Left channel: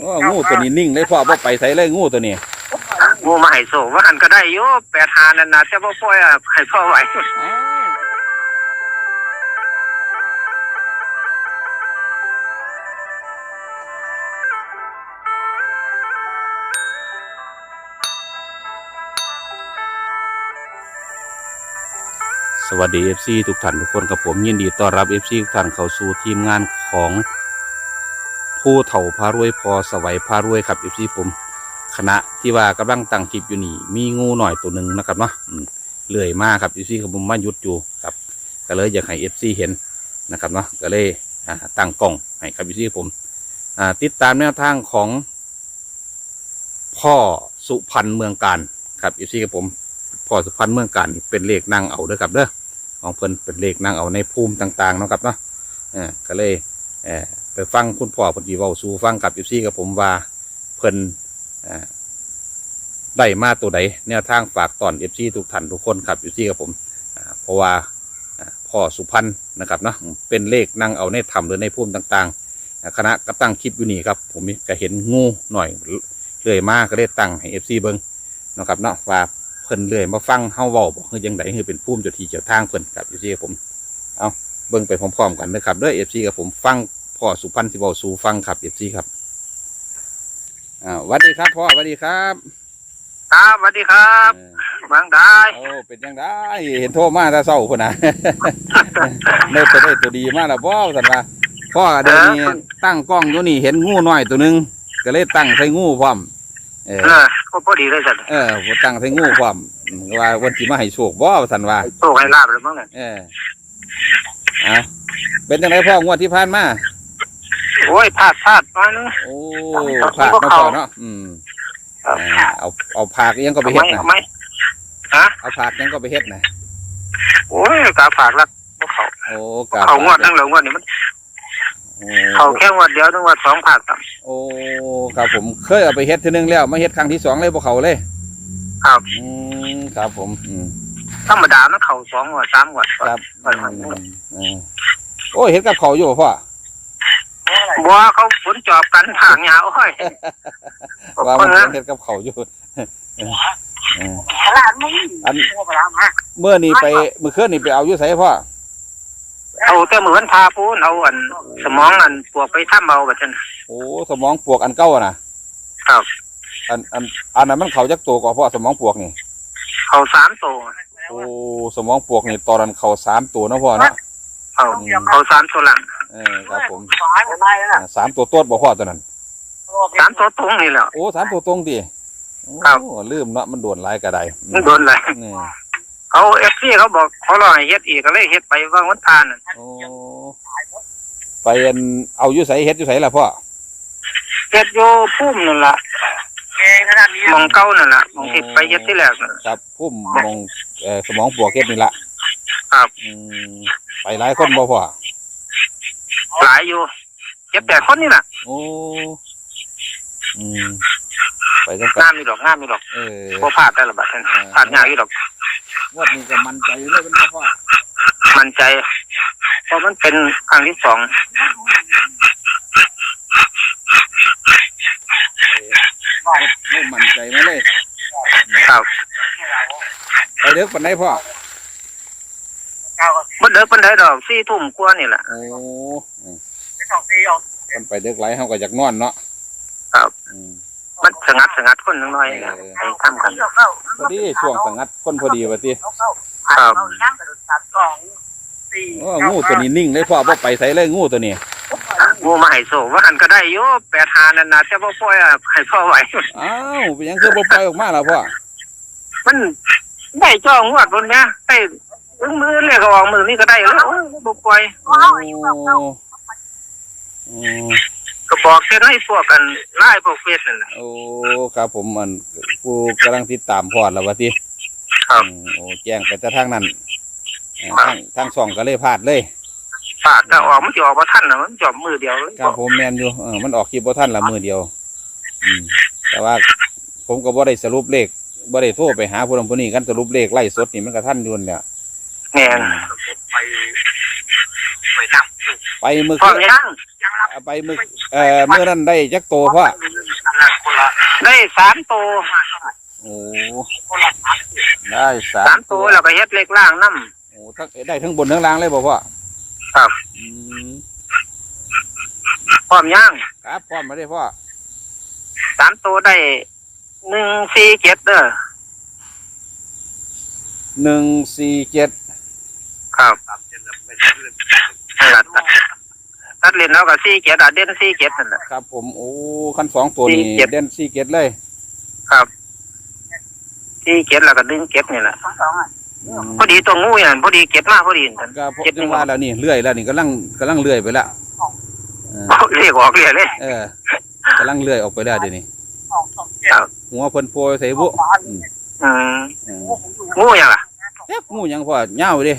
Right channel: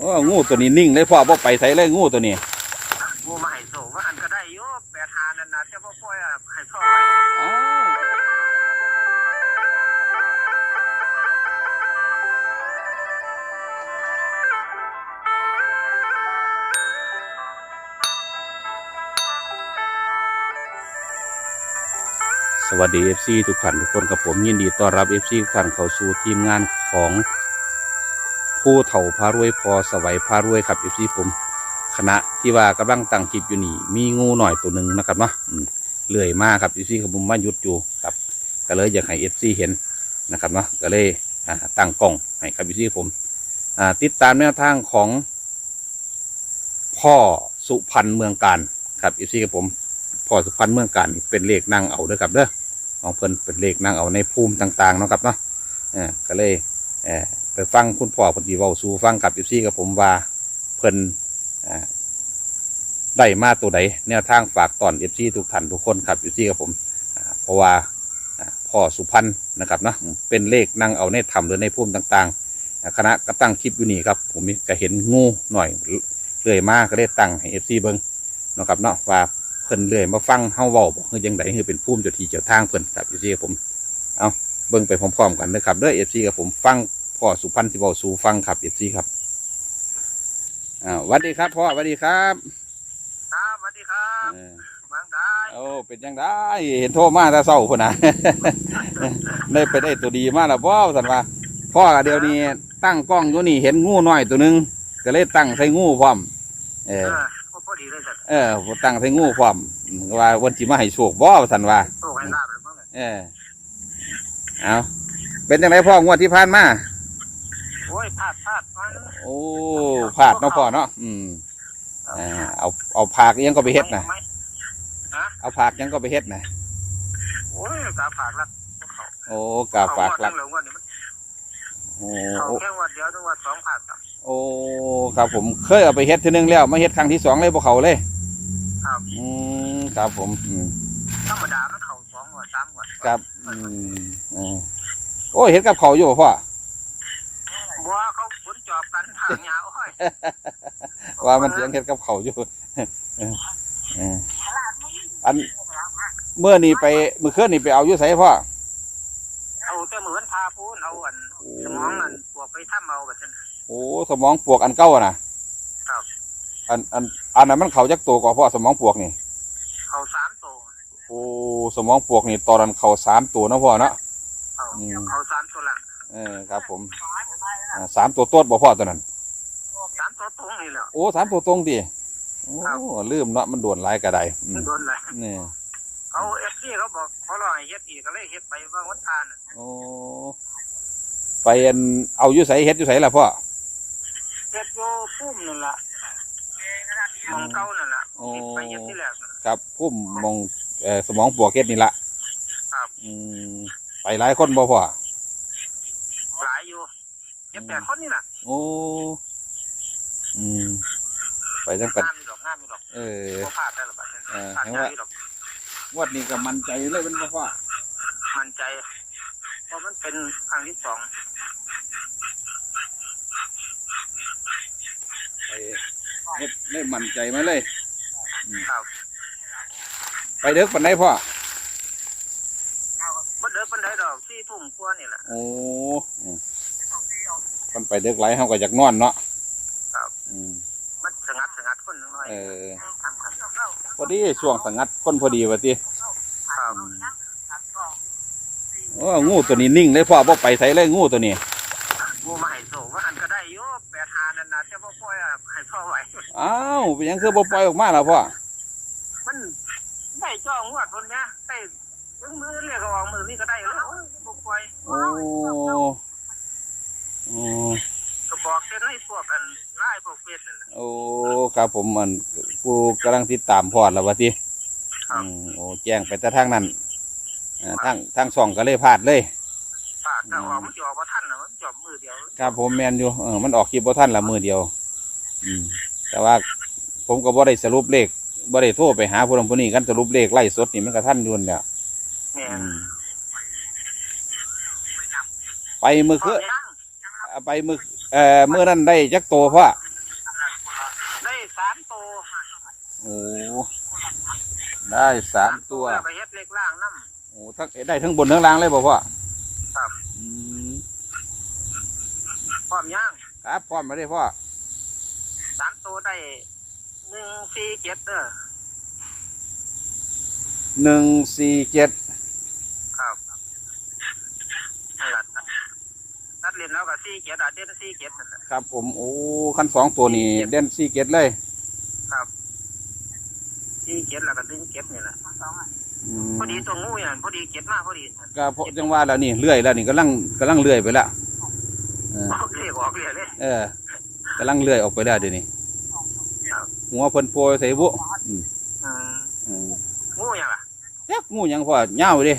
โอ้งูตัวนี้นิ่งเลยพ่อบ่ไปใส่เลยงูตัวนี้งูมาให้โศกว่าหันก็ได้อยู่แปดหานั่นนะแต่บ่ปล่อยอะให้พ่อไหวอ้าวสวัสดี FC ทุกท่านทุกคนกับผมยินดีต้อนรับ FC ทุกท่านเข้าสู่ทีมงานของ ผู้เฒ่าพารวยพอสวัยพารวยครับ FC ผมคณะที่ว่ากำลังตั้งจิตอยู่นี่ มีงูหน่อยตัวหนึ่งนะครับเนาะเลื่อยมากครับ FC กับผมมายุดอยู่ครับก็เลยอยากให้ FC เห็นนะครับเนาะก็เลยตั้งกล้องให้ครับ FC ผมอ่าติดตามแนวทางของ พ่อสุพรรณเมืองการครับ FC กับผมพ่อสุพรรณเมืองการเป็นเลขนั่งเอาเด้อครับเด้อของเพิ่นเป็นเลขนั่งเอาในภูมิต่างๆเนาะครับเนาะก็เลยเออ ไปฟังคุณพ่อพนดีเว้าสู่ฟังกับอีซี่กับผมว่าเพิ่นอ่าได้มาตัวใดแนวทางฝากตอนเอฟซีทุกท่านทุกคนครับเอฟซีกับผมอ่าเพราะว่าอ่าพ่อสุพรรณนะครับเนาะเป็นเลขนั่งเอาในถ้ำหรือในภูมิต่างๆ คณะก็ตั้งคลิปอยู่นี่ครับ ผมก็เห็นงูหน่อยเลื่อยมากก็เลยตั้งให้เอฟซีเบิ้งนะครับเนาะว่าเพิ่นเลยมาฟังเฮาเว้าบอกคือยังไงคือเป็นภูมิเจ้าที่เจ้าทางเพิ่นครับเอฟซีกับผมเอาเบิ่งไปพร้อมๆกันนะครับเด้อเอฟซีกับผมฟัง พ่อสุพรรณสิเว้าสู่ฟังครับเอฟซีครับอ่าสวัสดีครับพ่อสวัสดีครับครับสวัสดีครับเออบางได้โอ้เป็นยังไงเห็นโทรมาแต่เศร้าคนน่ะได้ไปได้ตัวดีมากแล้วพ่อสันว่าพ่อเดี๋ยวนี้ตั้งกล้องอยู่นี่เห็นงูน้อยตัวหนึงก็เลยตั้งใส่งูพร้อมเออ เออก็พอดีเลยสัตว์เออผมตั้งใส่งูพร้อมอืมว่าวันที่มาให้โชคบ่สันว่า โชคให้ลาบเลยมั้งเนี่ยเออ เอาเป็นยังไงพ่องวดที่ผ่านมา โอ้ยพลาดพลาดมาเนอะโอ้ผากเนาะพ่อเนาะอืมอ่าเอาเอาผากยังก็ไปเฮ็ดนะเอาไหมฮะเอาผากยังก็ไปเฮ็ดนะโอ้ยกาฝากรักเขาโอ้กาเขางวฝาดกตั้งเหลืองวดนี่มันโอ้เขาแค่งวดเดียวตั้งงวดสองผากต่โอ้ครับผมเคยเอาไปเฮ็ดทีนึงแล้วมาเฮ็ดครั้งที่สองเลยบ่เขาเลยำครับอืมครับผมอืมธรรมดามันเขาสองงวดสามงวดครับอืมอืมโอ้ยเฮ็ดกับเขาวอยู่บ่พ่อ บัวเขาฝนจอบกันทางยาวโอ้ยว่ามันเฮ็ดกับเขาวอยู่เออเอออันเมื่อนี่ไปเมื่อคืนนี่ไปเอาอยู่ไสพ่อเอาแต่เหมือนพาปูนเอาอัน สมองอันปวกไปถ้ำเอาแบบนั้นโอ้สมองปวกอันเก่าอะนะครับ อันอันอันนั้นมันเขาจักตัวกว่าพ่อสมองปวกนี่ เขาสามตัวโอ้สมองปวกนี่ตอนนั้นเขาสามตัวเนาะพ่อเนาะเขาเขาสามตัวหลัง เออครับผมอ่าสามตัวโต้นบ่พ่อตัวนั้น สามตัวตรงนี่แหละ โอ้สามตัวตรงดิโอ้ครับ ลืมเนาะมันโดนหลายกระไดอืมโดนเลยนี่เขาเอฟซีเขาบอกเขารอให้เฮ็ดอีกก็เลยเฮ็ดไปว่างวันทานน่ะโอ้ไปอันเอาอยู่ใส่เฮ็ดอยู่ใส่ล่ะพ่อเฮ็ดอยู่พุ่มนั่นล่ะหมองเก้านั่นล่ะหมองที่ไปเฮ็ดที่แรกนั่นครับพุ่มมองเอ่อสมองปวกเฮ็ดนี่ละครับ อืมไปหลายคนบ่พ่อ หลายอยู่เจ็ดแปดคนนี่ล่ะโอ้อืมไปจังกันงามอยู่ดอกงามอยู่ดอกเออบ่พลาดได้ละบัดนั้นพลาดยากอยู่ดอกงวดนี้ก็มั่นใจเลยเป็นบ่พ่อมั่นใจ เพราะมันเป็นครั้งที่สองไม่ไม่มั่นใจนะเลย ครับ ไปเด็กปานใดพ่อบ่ เด้อปานใดดอก4ทุ่มกว่านี่ล่ะโอ้อืมมันไปเด็กไหลเฮาก็อยากนอนเนาะครับ อืมมันสงัดสงัดคนน้อยเออๆให้ทำกันพอดีช่วงสงัดคนพอดีว่าติครับโอ้งูตัวนี้นิ่งเลยพ่อบ่ไปใส่เลยงูตัวนี้งูมาให้โศกว่าหันก็ได้อยู่แปดหานั่นนะแต่บ่ปล่อยอะให้พ่อไหวอ้าวเป็นหยังคือบ่ปล่อยออกมาล่ะพ่อมันได้จ้องวดบนเนี้ยได้ึงมือเลยก็ออกมือนี่ก็ได้แล้วโอ้ยบ่ปล่อยโอ้โอ้ก็บอกเส้นให้พวกกันไล่พวกเฟซนั่นน่ะโอ้ครับผมมันกูกำลังติดตามพอดแล้วว่าติครับโอ้แจ้งไปแต่ทางนั้นทางทางช่องก็เลยพลาดเลยฝากถ้าออกมันจะออกมาทันนะมันจอบมือเดียวเลยครับผมแม่นอยู่เออมันออกคลิปบ่ทันละมือเดียว อืมแต่ว่าผมก็บ่ได้สรุปเลขบ่ได้โทรไปหาผู้นั้นผู้นี้กันสรุปเลขไล่สดนี่มันก็ทันอยู่นั่นแหละ แม่นไปเมื่อพร้อคืมนยังเเอาไปมือเอ่อเมื่อนั้นได้จักโตพ่อได้สามตัวโอ้ได้สามสามตัวแล้วก็เฮ็ดเล็กล่างน้ โอ้ทั้งได้ทั้งบนทั้งล่างเลยบ่พ่อครับอืมำพร้อมย่างครับพร้อมมาได้พ่อสามตัวได้หนึ่งสี่เจ็ดเด้อหนึ่งสี่เจ็ด ครับนั่นล่ะตัดเล่นแล้วก็สี่เจ็ดอะเด่นสี่เจ็ดนั่นแหละ ครับผมโอ้ขั้นสองตัวนี้สี่เจ็ด เด่นสี่เจ็ดเลยครับสี่เจ็ดแล้วก็ดึงเจ็ดนี่แหละอืมพอดีตัวงูอย่างพอดีเก็บมากพอดีนั่น ก็พอจังว่าแล้วนี่เลื่อยแล้วนี่กำลังกำลังเลื่อยไปแล้วเออเรียกออกเรียกเลย เออกำลังเลื่อยออกไปแล้วเดี๋ยวนี้ครับ หัวเพิ่นโปรยใส่บุอืมอืมเอองูอย่างล่ะ เอ๊ะงูหยังพ่อเหย้าเดิ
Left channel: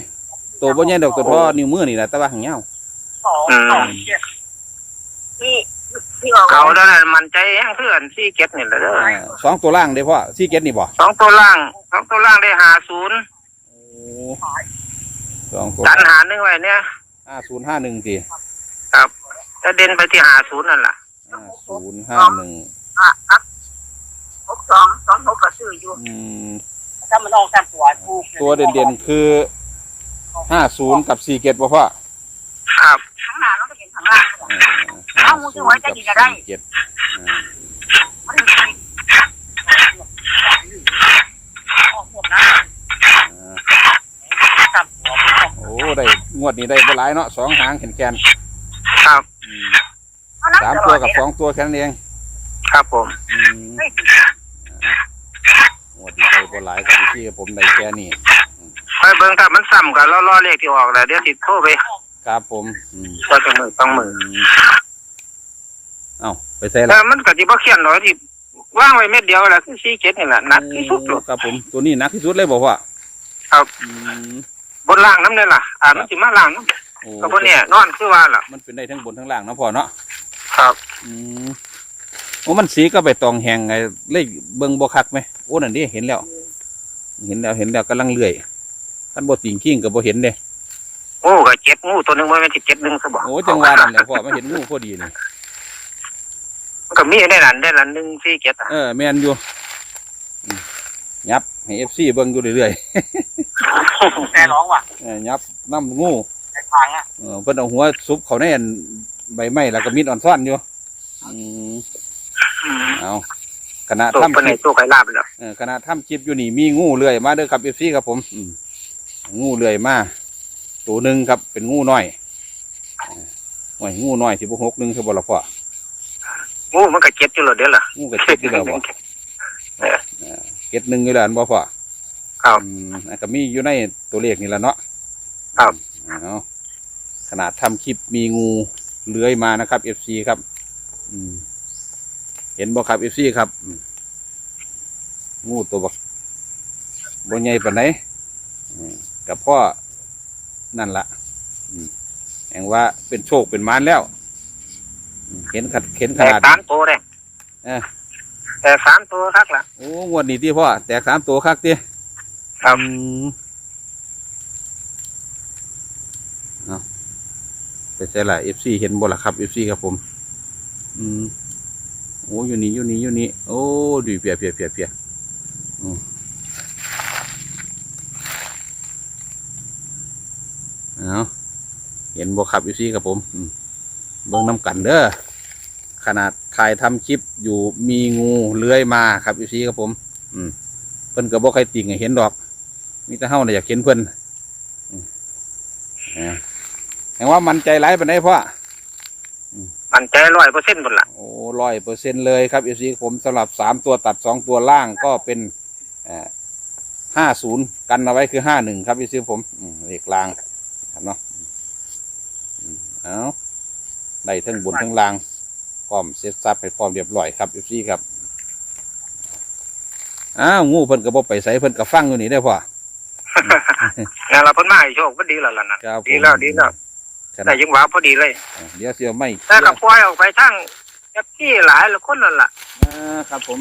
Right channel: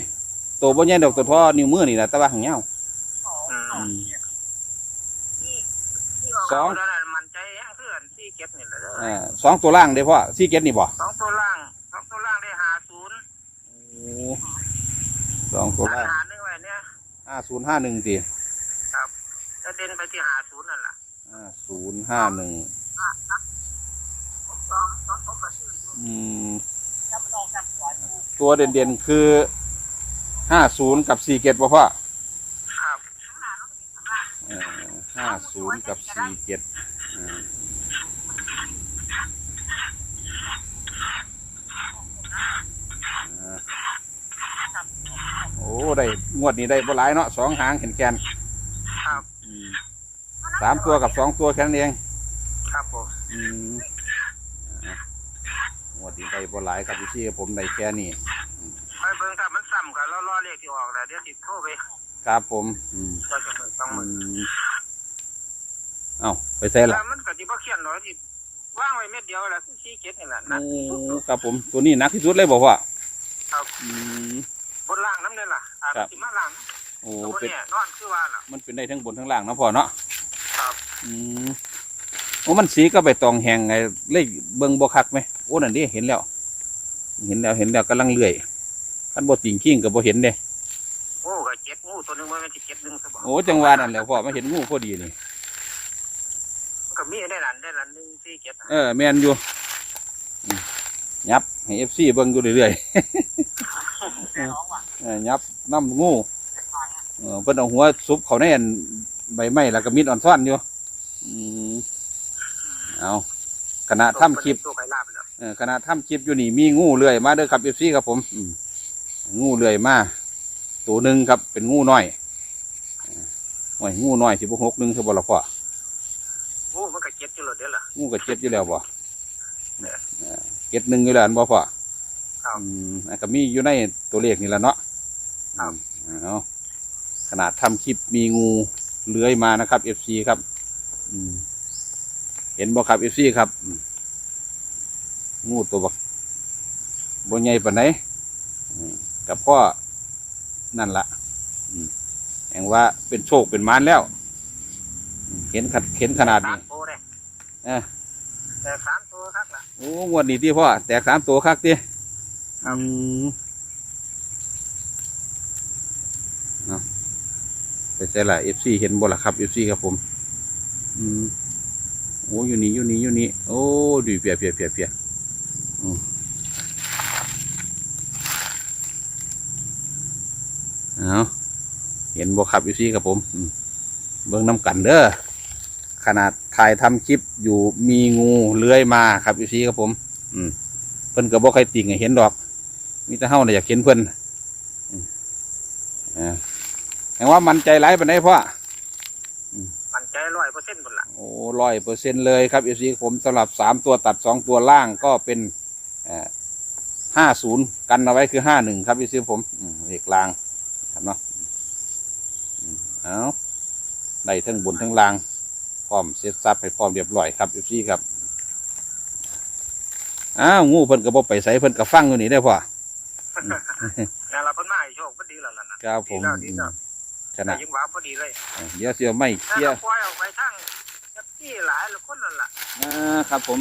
ตัวบ่ใหญ่ดอกตัวทอนิ้วมือนี่แหละแต่ว่าหางเหย้าอืมเก่าแล้วนั่นมันใจแห้งเพื่อนสี่เจ็ดนี่แหละเด้อเออสองตัวล่างเด้พ่อสี่เจ็ดนี่บ่สองตัวล่างสองตัวล่างได้หาศูนย์โอ้สองตัวดันหาหนึ่งไว้เนี่ยห้าศูนย์ห้าหนึ่งทีจะเด่นไปที่หาศูนย์นั่นแหละห้าศูนย์ห้าหนึ่งหกสองสองหกก็ซื้ออยู่อืมถ้ามันออกจากหัวถูกตัวเด่นๆคือ ห้าศูนย์กับสี่เจ็ดบ่พ่อครับข้างหน้าเราก็เห็นข้างล่างเออห้าศูนย์กับสี่เจ็ดอืมมันมีออกหมดนะอ่าตับหัวโอ้ได้งวดนี้ได้บ่หลายเนาะสองหางแขนแขนครับๆอืมสามตัวกับสองตัวแค่นั้นเองครับผมอืมงวดนี้ได้บ่หลายกับที่ผมได้แค่นี้ไปเบิ่งถ้ามันซ้ำกันล้อๆเลขที่ออกแล้วเดี๋ยวติดโทรไปครับผมอืมก็จะมือต้องมือเอ้าไปใส่แต่ละมันก็สิบ่เขียนหรอกที่ว่างไว้เม็ดเดียวแหละคือสี่เจ็ดนี่แหละหนักที่สุดลูกครับผมตัวนี้หนักที่สุดเลยบอกว่าครับ อืม บนล่างน้ำเนี่ยล่ะอ่ามันสิมาล่างน้โอ้ำก็บนเนี่ยนอนคือว่าล่ะ มันเป็นได้ทั้งบนทั้งล่างเนาะพ่อเนาะครับ อืมโอ้มันสีก็ไปตองแหงไงเลยเบิ่งบ่คักไหมโอ้นั่นดิเห็นแล้ว เห็นแล้วเห็นแล้วกำลังเลื่อย คันบ่ติ่งขิ้งก็บ่เห็นเด้โอ้ก็เจ็ดงูตัวหนึงมันเป็นสิบเจ็ดหนึ่งซะบ่โอ้จังหวะนั่นแหละพ่อมาเห็นงูพอดีนี่มันก็มีได้หลันได้หลันหนึ่งสี่เจ็ดอะเออแม่นอยู่อืมยับให้ FC เบิ่งอยู่เรื่อยแต่ร้องว่ะๆเออยับน้ำงูแต่ทางอะเออเพิ่นเอาหัวซุปเขาในอันใบไม้แล้วก็มีดอ่อนซ่อนอยู่อืมเอาขณะตัวทำเป็นคในลิปตัวไข่ลาบแล้วเออขณะทำคลิปอยู่นี่มีงูเลื่อยมาเด้อครับเอฟซีครับผมอืม งูเลื่อยมาตัวหนึ่งครับ เป็นงูน้อยเออโอ้ยงูน้อยสิบหกหนึ่งคือบ่ละพ่องูมันก็เจ็ดอยู่แล้วเดี๋ยวล่ะงูกับเจ็ดอยู่แล้วบ่เจ็ดหนึ่งอยู่แล้วอันบ่พ่อครับอืมอันก็มีอยู่ในตัวเลขนี่แหละเนาะครับเอาขนาดทำคลิปมีงูเลื้อยมานะครับเอฟซีครับ อืม เห็นบ่ครับเอฟซีครับอืมงูตัวบักบนใหญ่ปานไหน กับพ่อนั่นละอืมแห่งว่าเป็นโชคเป็นมารแล้วอืมเห็นขัดเห็นขแต่นาดสามตัวเลยเออแต่สามตัวครับล่ะโอ้งวดนี้ที่พ่อแตกสามตัวคักติครับอืมเอาไปใช่ละเอฟซีเห็นบ่ล่ะครับเอฟซีครับผม อืมโอ้อยู่นี่อยู่นี่อยู่นี่โอ้ดีเปียเปียเปียเปียอืม เอาเห็นบ่ครับเอฟซีครับผมอืมเบิ่งน้ำกันเด้อขนาดถ่ายทำคลิปอยู่มีงูเลื้อยมาครับเอฟซีครับผม อืมเพิ่นก็บ่ใครติ่งให้เห็นดอก มีแต่เฮาน่ะอยากเห็นเพิ่นอืมอ่าแห่งว่ามันใจร้ายปานใดพ่อมันใจร้อยเปอร์เซ็นต์หมดล่ะโอ้ร้อยเปอร์เซ็นเลยครับเอฟซีผมสำหรับสามตัวตัดสองตัวล่างก็เป็นห้าศูนย์กันเอาไว้คือห้าหนึ่งครับเอฟซีผมอืมเลขล่างครับ เนาะอืมเอาได้ทั้งบนทั้งล่างพร้อมเซตซับให้พร้อมเรียบร้อยครับเอฟซีครับอ้าวงูเพิ่นก็บ่ไปใส่เพิ่นก็ฟังอยู่นี่ได้อพ่องั้นเราเพิ่นมาให้โชคก็ดีแล้วล่ะนะครับผมดีแล้วดีแล้วขนาแต่ดยังหวาพอดีเลยเดี๋ยวเสียไม่แต่เสียก็ปล่อยออกไปทั้งแอปที่หลายละคนนั่นล่ะอ่าครับผม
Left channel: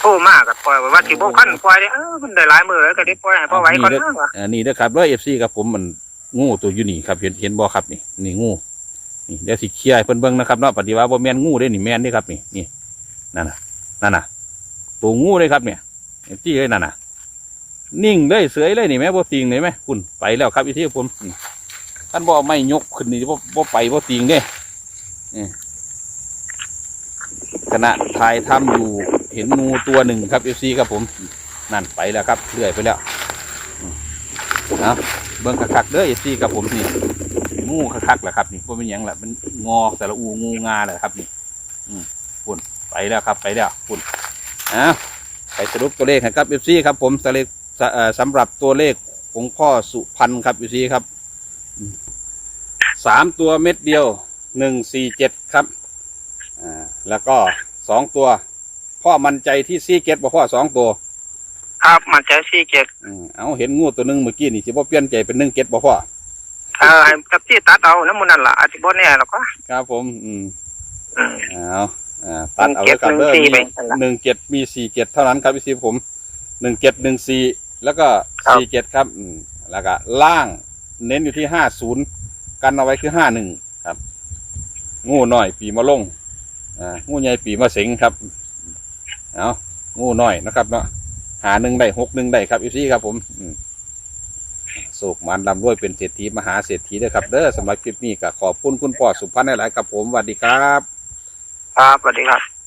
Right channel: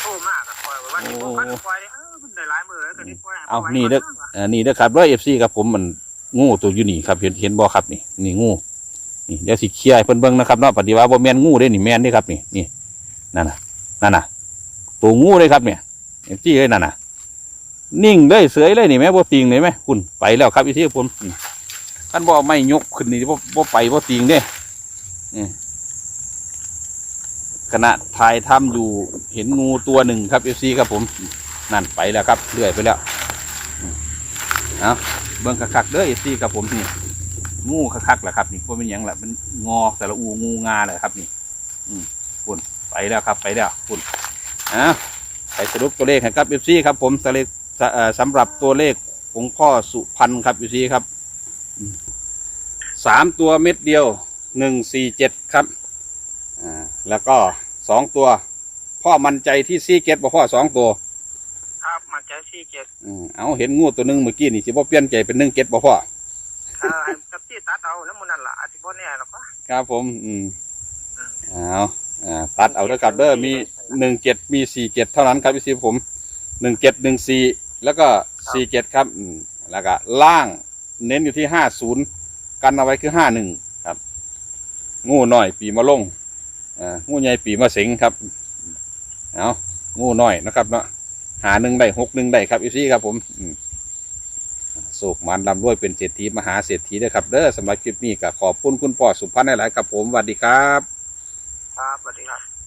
โทรมากกับปล่อยไว้ว่าสิบ่คันปล่อยได้เออมันได้หลายมื้อแล้วก็ได้ปล่อยให้พอไหวก่อนนะว่ะอันนี้นะครับว่าเอฟซีครับผมมันงูตัวอยู่นี่ครับ เห็นเห็นบอครับนี่นี่งูนี่เดี๋ยวสิเคลียร์ให้เพิ่นเบิ่งนะครับเนาะปฏิวัติบ่แม่นงูเด้นี่แม่นเด้ครับนี่นี่นั่นน่ะนั่นน่ะตัวงูเลยครับเนี่ยเห็นจี้เลยนั่นน่ะนิ่งเลยเสยเลยนี่แม่บ่ติงเลยไหมคุณไปแล้วครับอีที่ผมอืมท่านบ่ไม่ยกขึ้นนี่บ่บ่ไปบ่ติงเด้นี่ ขณะถ่ายทำอยู่เห็นงูตัวหนึ่งครับเอฟซีครับผมนั่นไปแล้วครับเลื่อยไปแล้วอืมเบิ่งคักๆเด้อเอฟซีครับผมนี่งูคักๆแหละครับนี่ว่าเป็นหยังล่ะมันงอแต่ละอูงูงาแหละครับนี่ อืมคุณไปแล้วครับไปแล้วคุณเอาไปสรุปตัวเลขครับเอฟซีครับผมสเลขสำหรับตัวเลขของพ่อสุพันธ์ครับเอฟซีครับสามตัวเม็ดเดียวหนึ่งสี่เจ็ดครับ อ่าแล้วก็สองตัว พ่อมั่นใจที่ซีเกตบ่พ่อสองตัว ครับมันใจสี่เจ็ดอืมเอาเห็นงูตัวหนึงเมื่อกี้นี่สิบ่เปลี่ยนใจเป็นหนึ่งเกตบ่พ่อ เออให้กับที่ตัดเอาน้ำมันนั่นล่ะอาจจะบ่แน่หรอกก็ ครับผม อืมอืมเอาอ่าตัดเอาแล้วกันเด้อหนึ่งมีเจ็ดหนึ่งสี่ไปหนึ่งเจ็ดมีสี่เจ็ดเท่านั้นครับพี่ซีผมหนึ่งเจ็ดหนึ่งสี่แล้วก็ครับ สี่เจ็ดครับอืมแล้วก็ล่างเน้นอยู่ที่ห้าศูนย์กันเอาไว้คือห้าหนึ่งครับ งูน้อยปีมะลงอ่า งูใหญ่ปีมาสิงครับ เอางูน้อยนะครับเนาะหาหนึ่งได้หกหนึ่งได้ครับอีซี่ครับผมอืมโศกมันลำรวยเป็นเศรษฐีมหาเศรษฐีเด้ครับ เด้อสำหรับคลิปนี้ก็ขอบคุณคุณพ่อสุพันธ์หลายๆครับผมสวัสดีครับ ครับสวัสดีครับ